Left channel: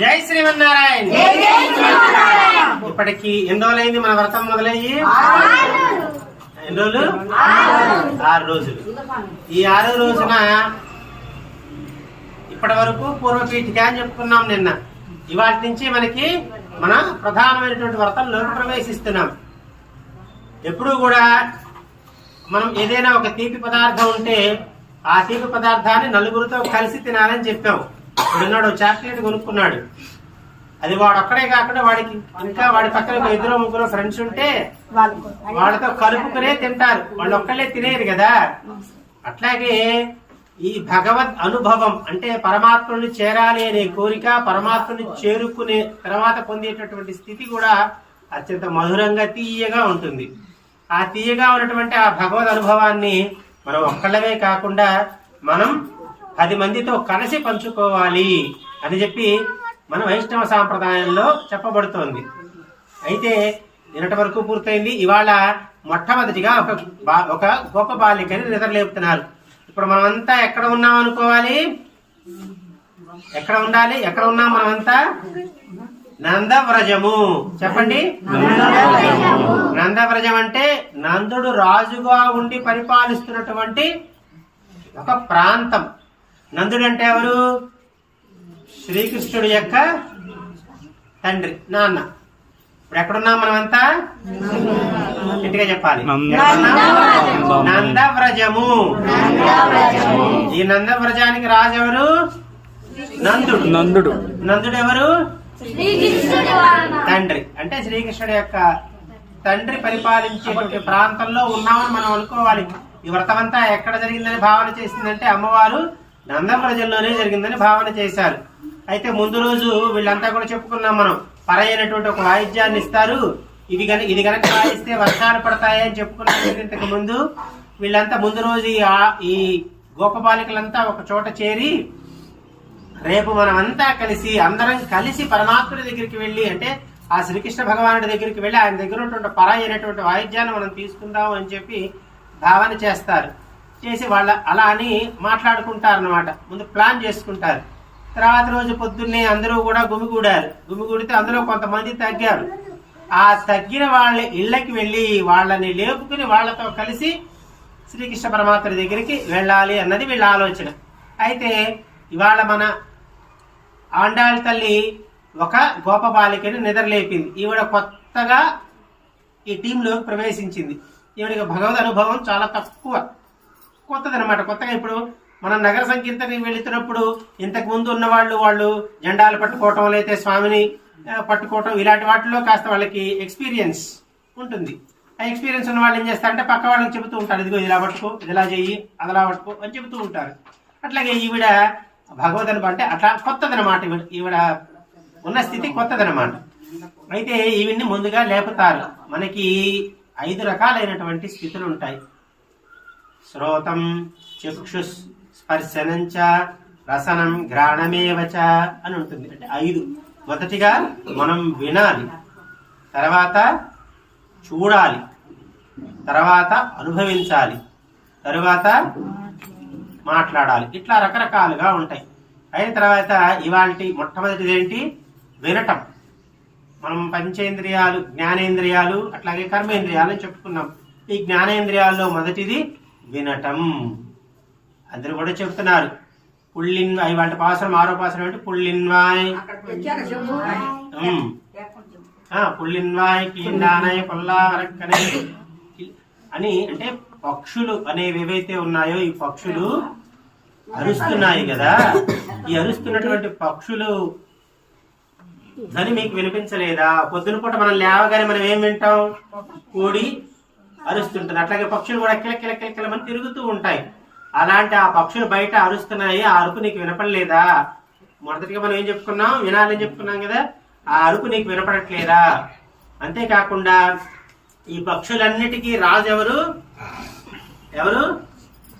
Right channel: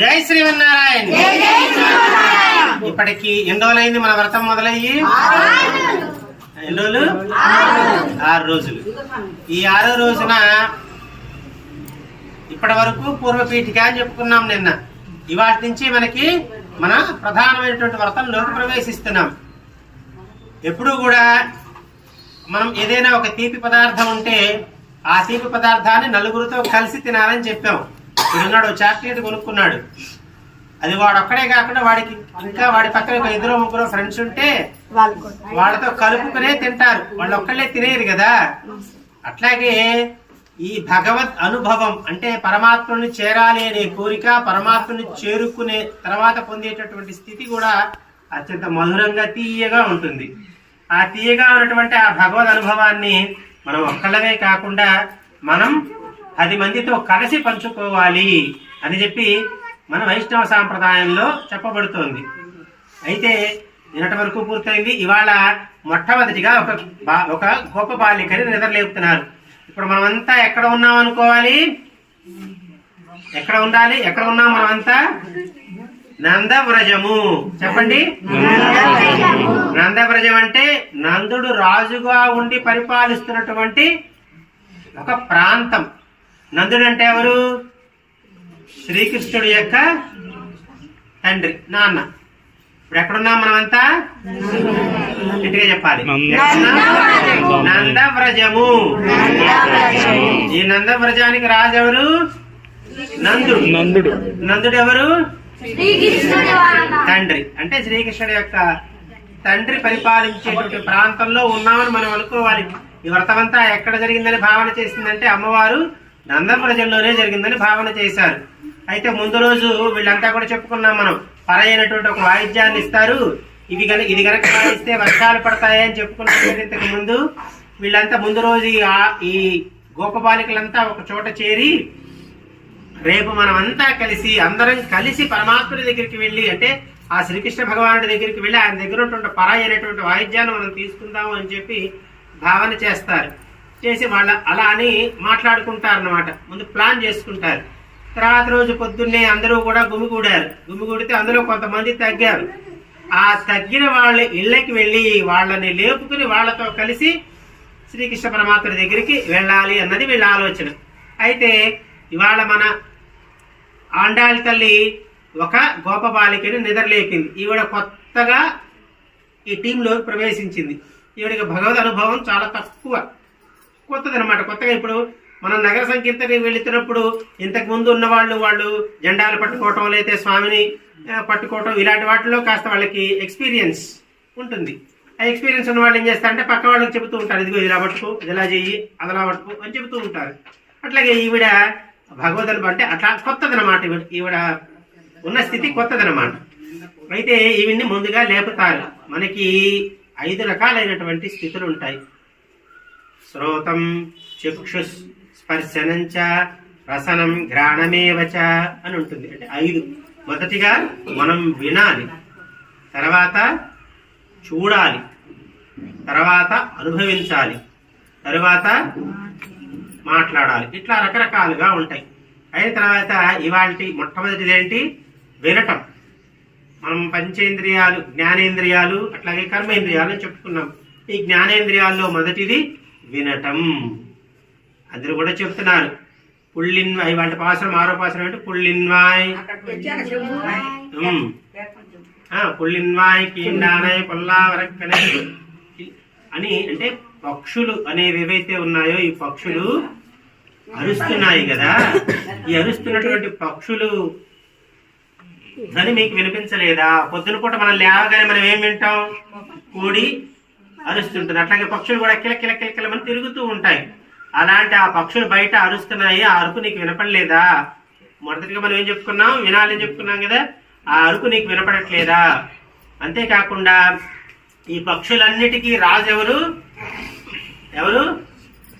జై శ్రీమన్నారాయణ. ఇప్పటికి ఎన్ని రోజులైంది మన వ్రతం మొదలయ్యి? ఎన్ని రోజులు? 6 రోజులు. ఈ 6వ రోజున ఇప్పటి వరకు పూర్వపీఠిక అని చెప్పుకున్నాం నిన్న. ఇవాటి నుంచి మనకి మన ప్రధానమైనటువంటి వ్రతంలోకి ప్రవేశిస్తున్నాం. ఎప్పుడు కూడా మనం ఏదైనా ఒక తీపి పదార్థం ఉంటే ఆ తీపి పదార్థాన్ని నలుగురితో కలిసి తినాలని చెప్పాం. ఇప్పుడున్నాడు చాక్లెట్ కొనుక్కున్నాడు, అది వాడు ఒక్కడే కాకుండా వాడికి ఇంకా వాడి పక్కన 2-3 ఫ్రెండ్స్ ఉంటే వాళ్ళతో కలుపుకునే తింటారు, వాళ్ళు ఒక్కళ్ళే తినేది కదా. అట్లాగే ఈ భగవద్ అనుభవం అంటే పరమాత్మని చేరాలి అనే కోరిక, పరమాత్మని చేరుకునే తర్వాత పొందేటటువంటి స్థితి కూడా అత్యంత మధురంగా తీయగా ఉంటుంది. ఆ తీయగా ఉన్నటువంటి ఆ భగవద్ అనుభవాన్ని మనం ఒక్కళ్ళవే కాకుండా మనం 10 మందితో కలిసి పంచుకోవాలి అని చెప్పి మన వైష్ణవ సాంప్రదాయంలో చెప్పబడుతోంది. అయితే నిన్నటి వరకు పూర్తయింది. ఇవాళ మొట్టమొదటిగా ఒక గొప్ప బాలికని నిద్రలేపుతున్నారు. ఇప్పుడు మనమంతా ఎక్కడ ఉన్నాం అనుకోవాలి? ఎక్కడ ఉండాలి? ఎక్కడ ఉన్నాం మనమంతా? నందవ్రజము. చెప్పండి. నందవ్రజం అంటే నందుడు రాజుగా ఉండి పరిపాలిస్తున్నటువంటి ఒక ప్రాంతం. నందుడు అంటే ఎవరు? శ్రీకృష్ణుడి యొక్క తండ్రి, నాన్న. ఇప్పుడు ఎక్కడున్నాం మనమంతా? గట్టిగా చెప్పాలి. నందవ్రజము. ఈ నందవ్రజానికి రాజు ఎవరు? నందుడు. నందుడు ఎవరు? తండ్రి. అంటే శ్రీకృష్ణుడి యొక్క తండ్రి పరిపాలించేటువంటి ప్రాంతంలో ఉన్నామని మనం అనుకోవాలి. ఈ వ్రతమంతా ఎక్కడ జరిగిందని భావన చేసిందంటే అమ్మవారు నందవ్రజంలోనే జరిగిందని భావన చేశారు. అయితే ముందు రోజు వీళ్ళంతా కూడా చెప్పుకున్నాం మనం, పరైనటువంటి ఒక వాయిద్యాన్ని ఇస్తారు, ఇది గనక వాయిస్తే వర్షాలు పడతాయి అని చెప్పుకున్నాం ఇంతకు ముందు. వీళ్ళంతా ముందు రోజు ఈ గోపబాలికలంతా ఒక చోట చేరి రేపు మనం అంతా కలిసి అందరం కలిసి పరమాత్ముడి దగ్గరికి వెళ్ళి, అంటే ఆ శ్రీకృష్ణ భగవానుడి దగ్గరికి వెళ్ళి ఆయన దగ్గర ఉన్నటువంటి పరాయి అయినటువంటి వాయిద్యాన్ని మనం తీసుకుందాం అని చెప్పి భావన చేస్తారు. చేసి వాళ్ళ అలా అని మాట్లాడుకుంటారన్నమాట. ముందు ప్లాన్ చేసుకుంటారు. తర్వాత రోజు పొద్దున్నే అందరూ కూడా గుమిగూడితే అందులో కొంతమంది తగ్గారు. ఆ తగ్గిన వాళ్ళ ఇళ్ళకి వెళ్ళి వాళ్ళని లేపుకుని వాళ్ళతో కలిసి శ్రీకృష్ణ పరమాత్ముడి దగ్గరికి వెళ్ళాలి అన్నది వీళ్ళ ఆలోచన. అయితే ఇవాళ మన ఆండాళి తల్లి ఒక గోప బాలికని నిద్రలేపింది. ఈవిడ కొత్తగా ఈ టీంలో ప్రవేశించింది. ఈవిడికి భగవద్ అనుభవం చాలా కొత్తదనమాట. కొత్తగా ఇప్పుడు మనం నగర సంకీర్తనకి వెళుతున్నప్పుడు ఇంతకు ముందు ఉన్న వాళ్ళు జెండాలు పట్టుకోవటం, లేకపోతే స్వామిని పట్టుకోవటం, ఇలాంటి వాటిలో కాస్త వాళ్ళకి ఎక్స్పీరియన్స్ ఉంటుంది. ఆ ఎక్స్పీరియన్స్ ఉన్న వాళ్ళు ఏం చేస్తారంటే పక్క వాళ్ళకి చెబుతూ ఉంటారు, ఇదిగో ఇలా పట్టుకో, ఇలా చెయ్యి, అదలా పట్టుకో అని చెబుతూ ఉంటారు. అట్లాగే ఈవిడ భగవద్ అనుభవం అంటే అట్లా కొత్తదనమాట. ఈవిడ ఉన్న స్థితి కొత్తదనమాట. అయితే ఈవిడ్ని ముందుగా లేపుతారు. మనకి 5 రకాలైనటువంటి స్థితులు ఉంటాయి. శ్రోతం, చక్షు, స్పర్శనంచ, రసనం, ఘ్రాణమేవచ అని ఉంటుంది. అంటే 5. మొదటిగా మనం వినాలి, తర్వాత చూడాలి, తర్వాత అనుభవించాలి, తర్వాత మాట్లాడాలి. ఇట్లా రకరకాలుగా ఉంటాయి. అయిన తర్వాత ఇవాల్టి మొట్టమొదటిది ఏంటి? వినటం. మనం పంచేంద్రియాలు, జ్ఞానేంద్రియాలు, అట్లాగే కర్మేంద్రియాలు అని చెప్పుకున్నాం. ఈ జ్ఞానేంద్రియాల్లో మొదటిది వినటం. అందరూ కూడా చెప్తున్నారు పుళ్ళిన్వాయ్. వాళ్ళ పాసరం 6వ పాసరం అంటే పుళ్ళిన్వాయ్ పుళ్ళిన్వాయ్ కీండానయ్ పుల్లావరక్కనే అని. అంటే పక్షులు అనేవి ఏవైతే ఉన్నాయో ఈ పక్షులు అరుస్తున్నాయి కదా. ఈ అరుస్తున్నటువంటి పక్షులు ధ్వని మీకు వినిపించలేదా? పొద్దున పూట మనం లేవగానే మనం ఏం వింటాం? కోడి అరుస్తుంటుంది. అట్లాగే పక్షులు కూడా కిలకిలకిలకిలమని తిరుగుతూ ఉంటాయి. అలాంటి ఆ పక్షులు బయట అరుస్తున్నాయి, ఆ అరుపు నీకు వినపడలేదా? మొదటిగా మనం ఏం చెప్పుకున్నాం? వినాలని చెప్పుకున్నాం కదా. ఆ అరుపు నీకు వినపడట్లేదా? అంతేకాకుండా ఈ పక్షులన్నిటికీ రాజు ఎవరు?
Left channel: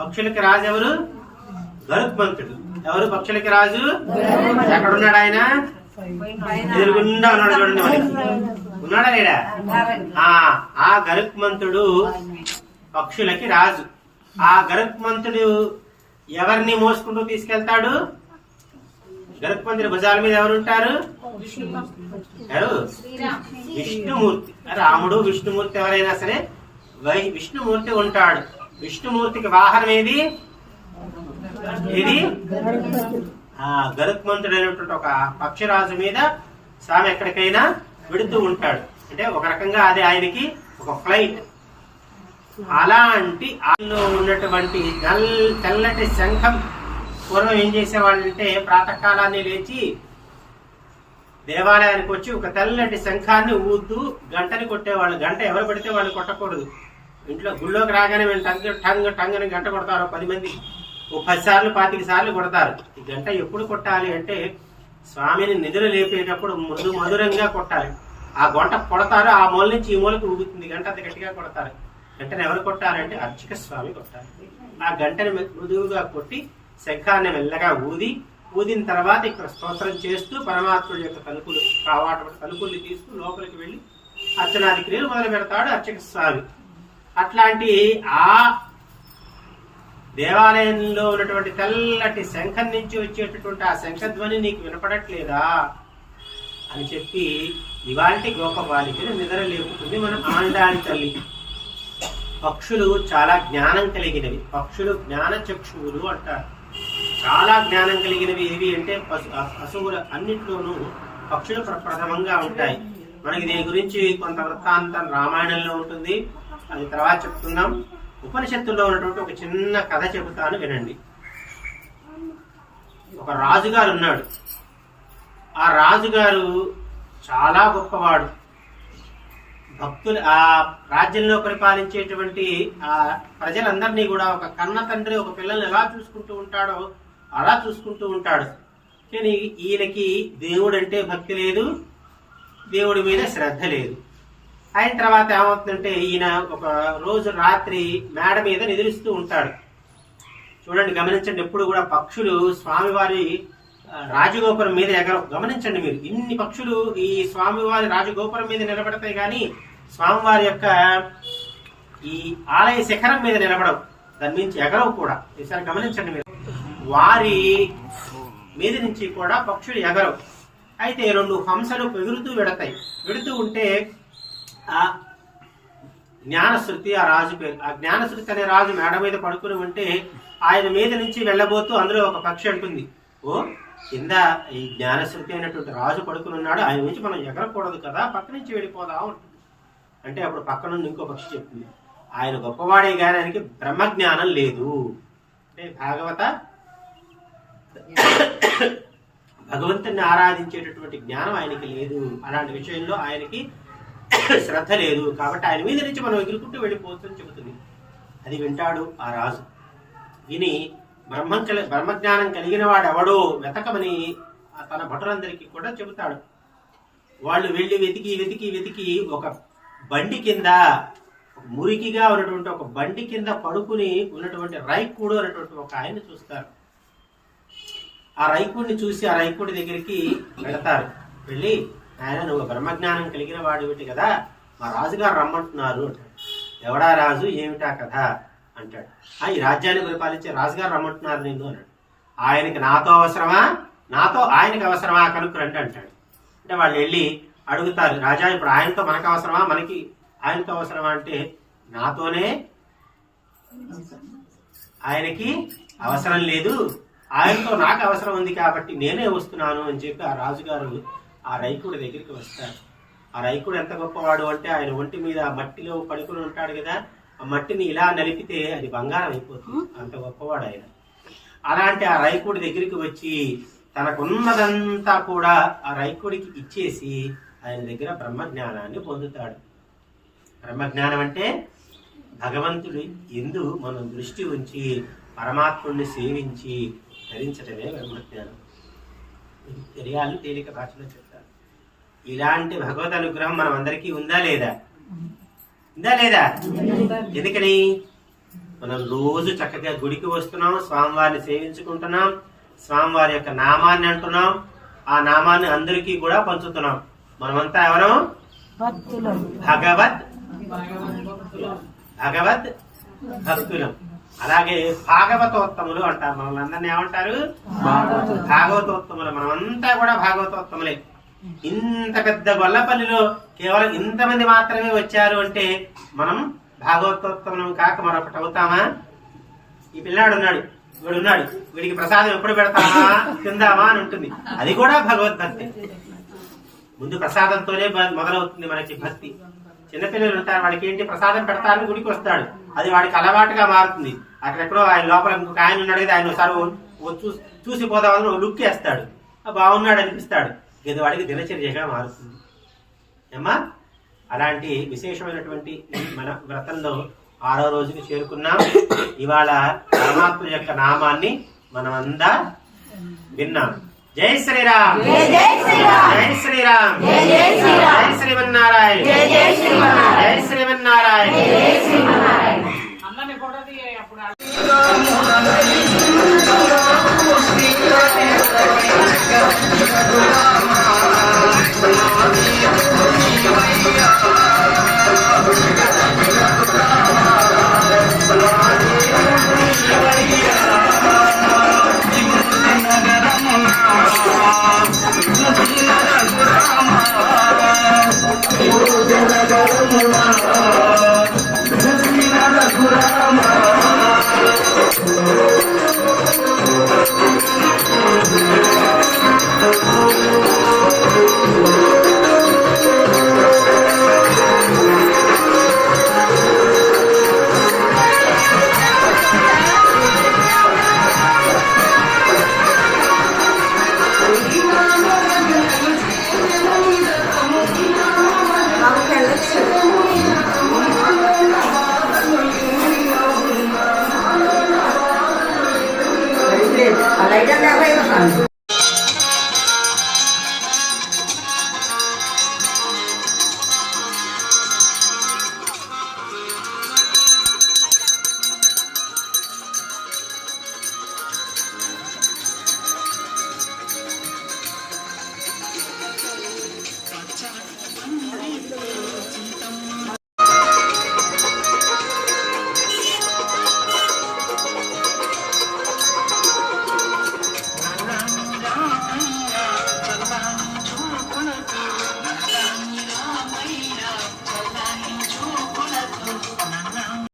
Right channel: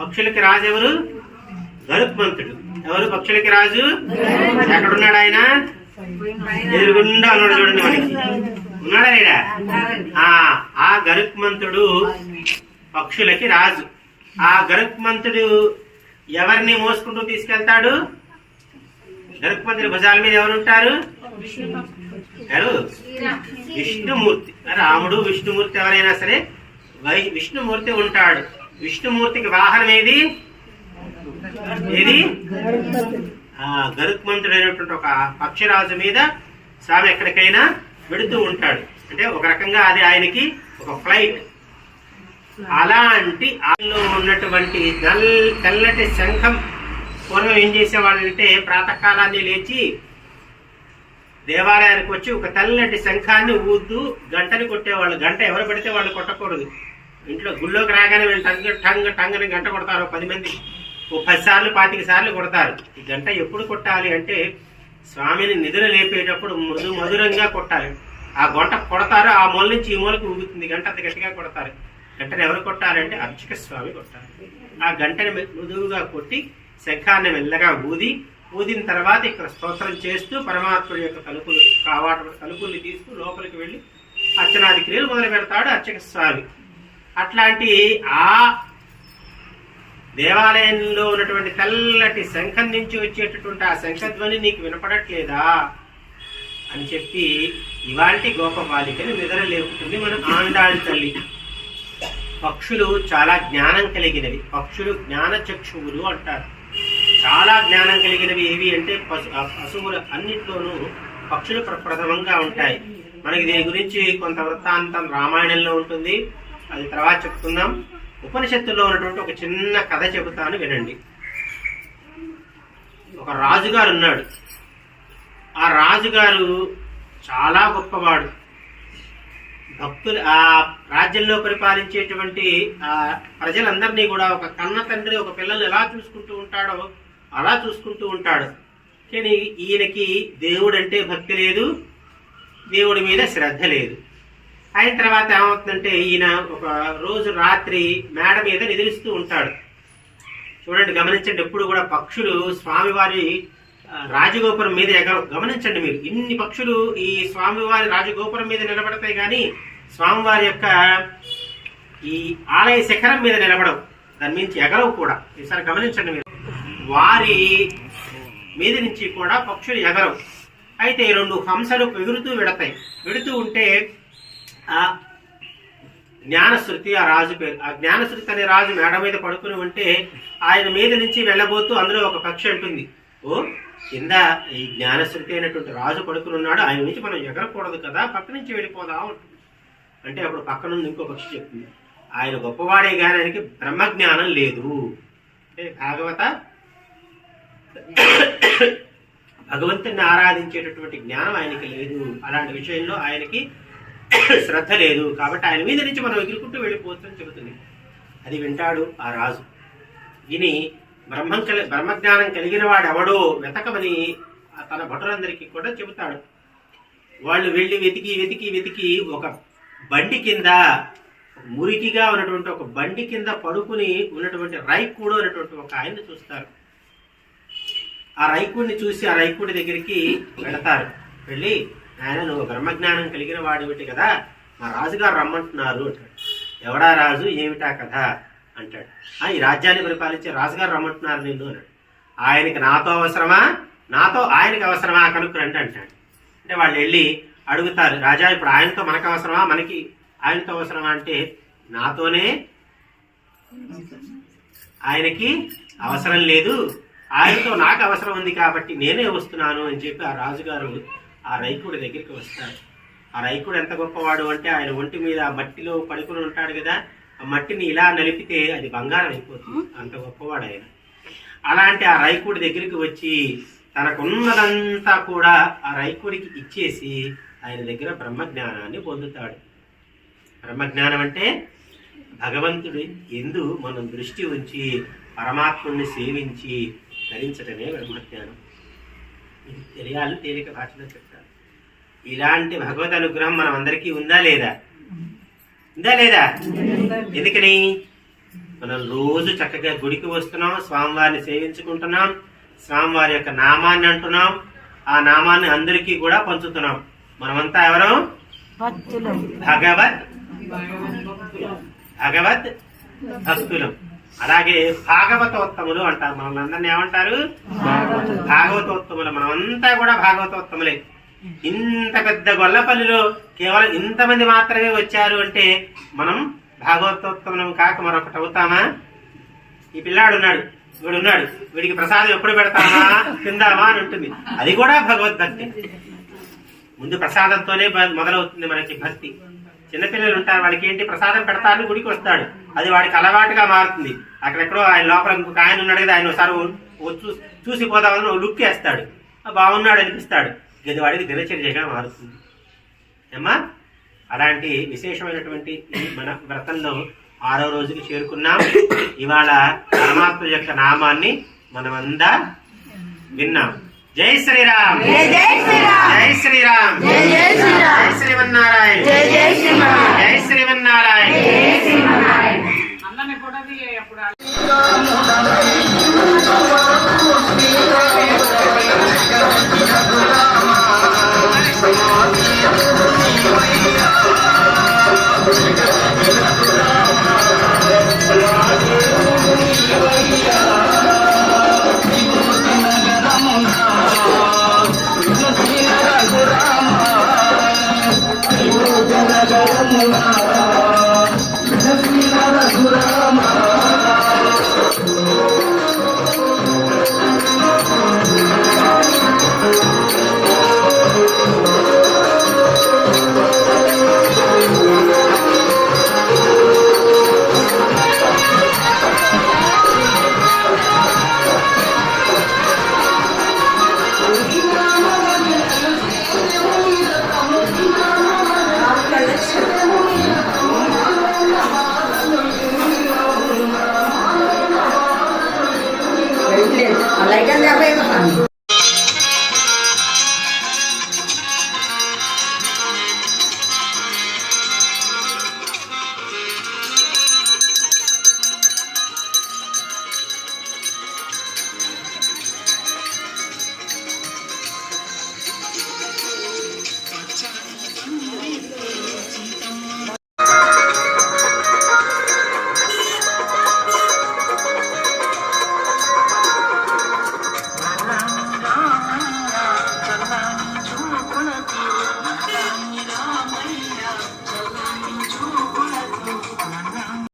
పక్షులకి రాజు ఎవరు? గరుత్మంతుడు. ఎవరు పక్షులకి రాజు? ఎక్కడున్నాడు ఆయన? ఎదురుగుండా ఉన్నాడు చూడండి. ఉన్నాడా ఆయన? ఆ గరుత్మంతుడు పక్షులకి రాజు. ఆ గరుత్మంతుడు ఎవరిని మోసుకుంటూ తీసుకెళ్తాడు? గరుత్మంతుడి భుజాల మీద ఎవరుంటారు? ఎవరు? విష్ణుమూర్తి. రాముడు విష్ణుమూర్తి ఎవరైనా సరే విష్ణుమూర్తి ఉంటాడు. విష్ణుమూర్తికి వాహనం ఏది? గరుత్మంతుడు అయినటువంటి ఒక పక్షిరాజు మీద స్వామి ఎక్కడికైనా వెడుతూ ఉంటాడు. అంటే ఒక రకంగా అది ఆయనకి ఒక ఫ్లైట్. అలాంటి ఆయనలో ఉన్నటువంటి తెల్లటి శంఖం పూర్వం ఏం చేసేవాళ్ళంటే ప్రాతకాలాన్ని లేచి దేవాలయానికి వచ్చి ఒక తెల్లటి శంఖాన్ని ఊదుతూ గంటని కొట్టేవాళ్ళు. గంట ఎవరు పెడితే వాళ్ళు కొట్టకూడదు. ఇంట్లో గుళ్ళోకి రాగానే టంగ్ టంగ్ అని గంట కొడతారు. 10 మంది 10 సార్లు 25 సార్లు కొడతారు. ఈ గంట ఎప్పుడు కొట్టాలి అంటే స్వామిని నిద్ర లేపేటప్పుడు మధురంగా కొట్టాలి. ఆ గంట కొడతారు, ఆ మూల నుంచి ఈ మూలకి ఊగుతుంది గంట, అంత గట్టిగా కొడతారు. గంటను ఎవరు కొట్టాలంటే అర్చక స్వామి కొట్టాలి. ఆ గంటని మృదువుగా కొట్టి శంఖాన్ని మెల్లగా ఊదిన తర్వాత ఇక్కడ స్తోత్రం చేస్తూ పరమాత్ముడి యొక్క తలుపులు తలుపుల్ని తీస్తూ లోపలికి వెళ్ళి అర్చనాది క్రియలు మొదలు పెడతాడు అర్చక స్వామి. అట్లాంటి ఆ దేవాలయంలో ఉన్నటువంటి తెల్లటి శంఖం నుంచి వచ్చేటటువంటి ఆ శంఖధ్వని నీకు వినపడట్లేదా అని చెప్పి ఇవాంటి గోప బాలికను నిద్ర లేపుతుంది మన ఆండాళి తల్లి. పక్షులు చాలా జ్ఞానం కలిగినవి. పక్షులు జ్ఞాన చక్షువులు అంటారు. చాలా జ్ఞానం కలిగినవి ఏవి అంటే పశువులు అన్నింటిలోనూ పక్షులు ప్రప్రథమంగా ఉంటాయి. మనకి దీని గురించి కొంత వృత్తాంతం రామాయణంలో ఉంటుంది, అది తర్వాత చెప్తున్నాం. ఉపనిషత్తుల్లో ఉన్నటువంటి ఒక చిన్న కథ చెబుతాను వినండి. ఒక రాజుగారు ఉన్నాడు. ఆ రాజుగారు చాలా గొప్పవాడు. భక్తులు ఆ రాజ్యంలో పరిపాలించేటువంటి ఆ ప్రజలందరినీ కూడా ఒక కన్న తండ్రి ఒక పిల్లల్ని ఎలా చూసుకుంటూ ఉంటాడో అలా చూసుకుంటూ ఉంటాడు. కానీ ఈయనకి దేవుడు అంటే భక్తి లేదు, దేవుడి మీద శ్రద్ధ లేదు. అయిన తర్వాత ఏమవుతుందంటే ఈయన ఒక రోజు రాత్రి మేడ మీద నిద్రిస్తూ ఉంటాడు. చూడండి, గమనించండి, ఎప్పుడు కూడా పక్షులు స్వామివారి రాజగోపురం మీద ఎగరవు. గమనించండి మీరు, ఇన్ని పక్షులు ఈ స్వామివారి రాజగోపురం మీద నిలబడతాయి కానీ స్వామివారి యొక్క ఈ ఆలయ శిఖరం మీద నిలబడవు, దాని నుంచి ఎగరవు కూడా. ఈసారి గమనించండి మీరు, వారి మీద నుంచి కూడా పక్షులు ఎగరవు. అయితే 2 హంసలు వెడుతూ ఉంటే ఆ జ్ఞానశృతి, ఆ రాజు పేరు, ఆ జ్ఞానశృతి అనే రాజు మేడ మీద పడుకుని ఉంటే ఆయన మీద నుంచి వెళ్ళబోతూ అందులో ఒక పక్షి అంటుంది, ఓ కింద ఈ జ్ఞానశృతి అయినటువంటి రాజు పడుకుని ఉన్నాడు, ఆయన నుంచి మనం ఎగరకూడదు కదా, పక్క నుంచి వెళ్ళిపోదాం అంటే అప్పుడు పక్క నుండి ఇంకో పక్షి చెప్తుంది, ఆయన గొప్పవాడే కానీ ఆయనకి బ్రహ్మజ్ఞానం లేదు. అంటే భగవంతుని ఆరాధించేటటువంటి జ్ఞానం ఆయనకి లేదు, అలాంటి విషయంలో ఆయనకి శ్రద్ధ లేదు, కాబట్టి ఆయన మీద నుంచి మనం ఎగురుకుంటూ వెళ్ళిపోతుందని చెబుతుంది. అది వింటాడు ఆ రాజు. విని బ్రహ్మజ్ఞానం కలిగిన వాడు ఎవడో వెతకమని తన భటులందరికీ కూడా చెబుతాడు. వాళ్ళు వెళ్ళి వెతికి ఒక బండి కింద, మురికిగా ఉన్నటువంటి ఒక బండి కింద పడుకుని ఉన్నటువంటి రైకుడు అనేటువంటి ఒక ఆయన్ని చూస్తారు. ఆ రైకుడిని చూసి ఆ రైకుడి దగ్గరికి వెళతారు. వెళ్ళి, ఆయన నువ్వు బ్రహ్మజ్ఞానం కలిగిన వాడివిటి కదా, మా రాజుగారు రమ్మంటున్నారు అంటాడు. ఎవడా రాజు, ఏమిటా కథ అంటాడు. ఈ రాజ్యాన్ని పరిపాలించే రాజుగారు రమ్మంటున్నారు నిన్ను అన్నాడు. ఆయనకి నాతో అవసరమా, నాతో ఆయనకి అవసరమా కనుక్కురండి అంటాడు. అంటే వాళ్ళు వెళ్ళి అడుగుతారు, రాజా ఇప్పుడు ఆయనతో మనకు అవసరమా, మనకి ఆయనతో అవసరమా అంటే నాతోనే ఆయనకి అవసరం లేదు, ఆయనతో నాకు అవసరం ఉంది కాబట్టి నేనే వస్తున్నాను అని చెప్పి ఆ రాజుగారు ఆ రైకుడి దగ్గరికి వస్తాడు. ఆ రైకుడు ఎంత గొప్పవాడు అంటే ఆయన ఒంటి మీద మట్టిలో పడుకుని ఉంటాడు కదా, ఆ మట్టిని ఇలా నలిపితే అది బంగారం అయిపోతుంది, అంత గొప్పవాడు ఆయన. అలాంటి ఆ రైకుడి దగ్గరికి వచ్చి తనకున్నదంతా కూడా ఆ రైకుడికి ఇచ్చేసి ఆయన దగ్గర బ్రహ్మజ్ఞానాన్ని పొందుతాడు. బ్రహ్మజ్ఞానం అంటే భగవంతుడి యందు మనం దృష్టి ఉంచి పరమాత్ముడిని సేవించి ధరించటమే బ్రహ్మజ్ఞానం. ఇది తెలియాలి, తేలిక భాషలో చెప్తాను. ఇలాంటి భగవద్ అనుగ్రహం మనం అందరికీ ఉందా లేదా? ఎందుకని మనం రోజు చక్కగా గుడికి వస్తున్నాం, స్వామివారిని సేవించుకుంటున్నాం, స్వామివారి యొక్క నామాన్ని అంటున్నాం, ఆ నామాన్ని అందరికీ కూడా పంచుతున్నాం. మనమంతా ఎవరం? భగవద్ భక్తులం. అలాగే భాగవతోత్తములు అంటారు. మనం అందరినీ ఏమంటారు? భాగవతోత్తములు. మనమంతా కూడా భాగవతోత్తములే. ఇంత పెద్ద గొల్లపల్లిలో కేవలం ఇంతమంది మాత్రమే వచ్చారు అంటే మనం భాగవతోత్తములం కాక మరొకటి అవుతామా? ఈ పిల్లాడు ఉన్నాడు, వీడున్నాడు, వీడికి ప్రసాదం ఎప్పుడు పెడతామా, తిందామా అని ఉంటుంది. అది కూడా భగవద్భక్తి. ముందు ప్రసాదంతోనే మొదలవుతుంది మనకి భక్తి. చిన్నపిల్లలు ఉంటారు, వాళ్ళకి ఏంటి ప్రసాదం పెడతారని గుడికి వస్తాడు, అది వాడికి అలవాటుగా మారుతుంది. అక్కడెక్కడో ఆయన లోపల ఇంకొక ఆయన ఉన్నాడు కదా, ఆయన ఒకసారి చూసిపోదామని ఒక లుక్ వేస్తాడు, బాగున్నాడు అనిపిస్తాడు, ఇది వాడికి దినచర్యగా మారుతుంది. ఏమ్మా, అలాంటి విశేషమైనటువంటి మన వ్రతంలో 6వ రోజుకి చేరుకున్నాం. ఇవాళ పరమాత్మ యొక్క నామాన్ని మనమంతా విన్నాం. జై శ్రీరామ్, జై శ్రీరామ్, జై శ్రీమన్నారాయణ, జై శ్రీమన్నారాయణ.